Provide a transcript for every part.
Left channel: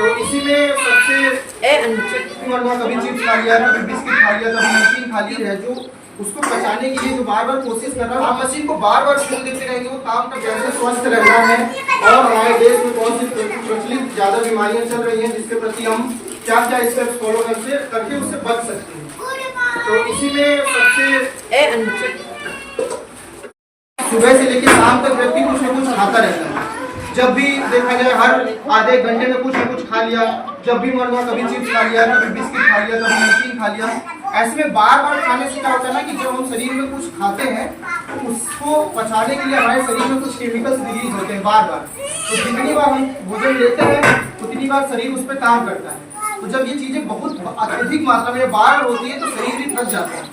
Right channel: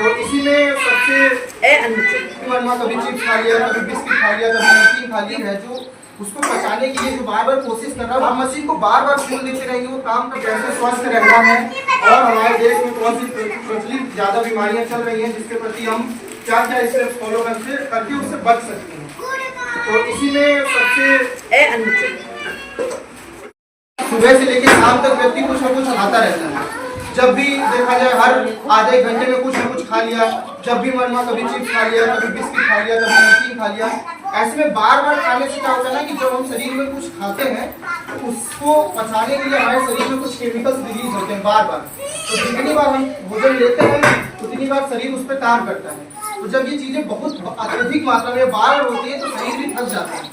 तो इसी में सबसे वरना कभी चिप्स खा लिया, कभी बिस्किट खा लिया, कभी नमकीन खा लिया है, जो उसको पचाने के लिए जो बार बार कोशिश कर रहा है, हम मशीन को बार बार सुन लेते रहेंगे, वो काम का कैसे स्वस्थ रहना है और हमारे देश में कौन सी प्रचलित ज्यादा बीमारियां चल रही हैं, जिसके प्रति हम क्या क्या स्टेप्स फॉलो करके उससे बच सकते हैं। तो इसी में सबसे सुबह से लेकर शाम तक व्यक्ति कुछ न कुछ खाता रहता है। जब भी देखा जाए हर आधे एक घंटे में कुछ न कुछ खा लिया, जब भी मन हुआ कभी चिप्स खा लिया, कभी बिस्किट खा लिया, कभी नमकीन खा लिया। ऐसे में बार बार खाने से क्या होता है ना कि जब हम शरीर में कुछ खाते हैं तो उसको पचाने के लिए हमारे शरीर में कुछ केमिकल्स रिलीज होते हैं बार बार। तो जितनी बार हम भोजन लेते हैं उतनी बार शरीर उस पर काम करता है। तो जब ये चीजें बहुत अत्यधिक मात्रा में बार होती है तो शरीर भी थक जाता है।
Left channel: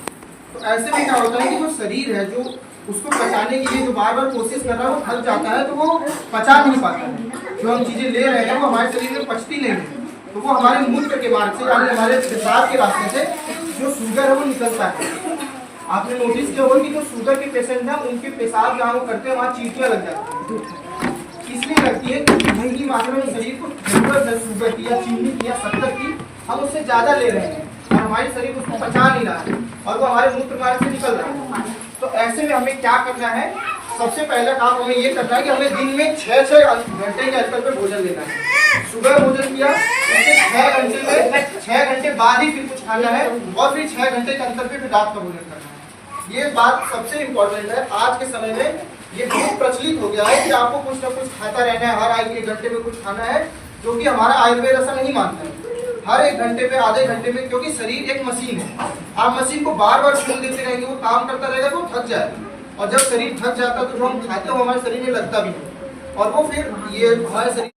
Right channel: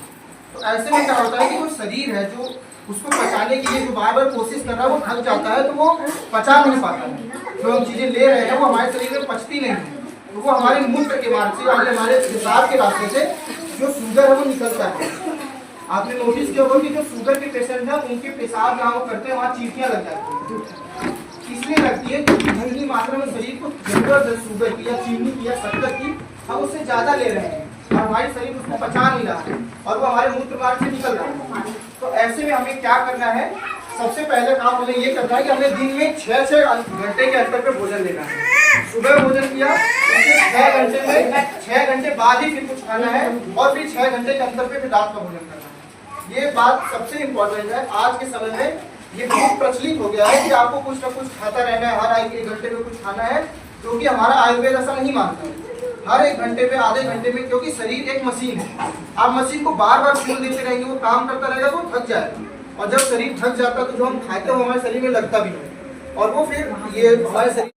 तो ऐसे में क्या होता है कि जो शरीर है जो उसको पचाने के लिए जो बार बार कोशिश कर रहा है वो थक जाता है, तो वो पचा नहीं पाता है। जो हम चीजें ले रहे हैं वो हमारे शरीर में पचती नहीं है, तो वो हमारे मूत्र के मार्ग से यानी हमारे पेशाब के रास्ते से जो शुगर है वो निकलता है। आपने नोटिस किया होगा कि जो शुगर के पेशेंट हैं उनके पेशाब जहाँ वो करते हैं वहाँ चीटियाँ लग जाती हैं। इसलिए लगती है कि महंगी मात्रा में शरीर को जरूरत है शुगर की या चीनी की या शक्कर की, हम उससे ज्यादा ले रहे हैं और हमारे शरीर उसको पचा नहीं रहा है और वो हमारे मूत्र मार्ग से निकल रहा है। तो ऐसे में हमें क्या करना है, सबसे पहले काम हमें ये करना है कि हमें दिन में 6 घंटे के अंतर पे भोजन लेना है। सुबह भोजन किया, उसके 6 घंटे में 6 घंटे बाद ही फिर कुछ खाना है और फिर 6 घंटे के अंतर पे फिर रात का भोजन करना है। ये बात सबसे इम्पोर्टेंट है। आज के समय में ये बहुत प्रचलित हो गया है कि आपको कुछ ना कुछ खाता रहना है, हर 1 घंटे में कुछ खाना है, क्योंकि हमारा आयुर्वेद ऐसा नहीं मानता है। हर 1 घंटे पे आधे घंटे में, क्योंकि शरीर एक मशीन है, आप मशीन को बार बार सुन लेते रहेंगे, वो काम करता रहेगा तो थक जाएगा और जब शरीर थक जाता है तो जो हम खाते हैं वो हमारे शरीर में लगता भी है और वो फिर ये हमारे शरीर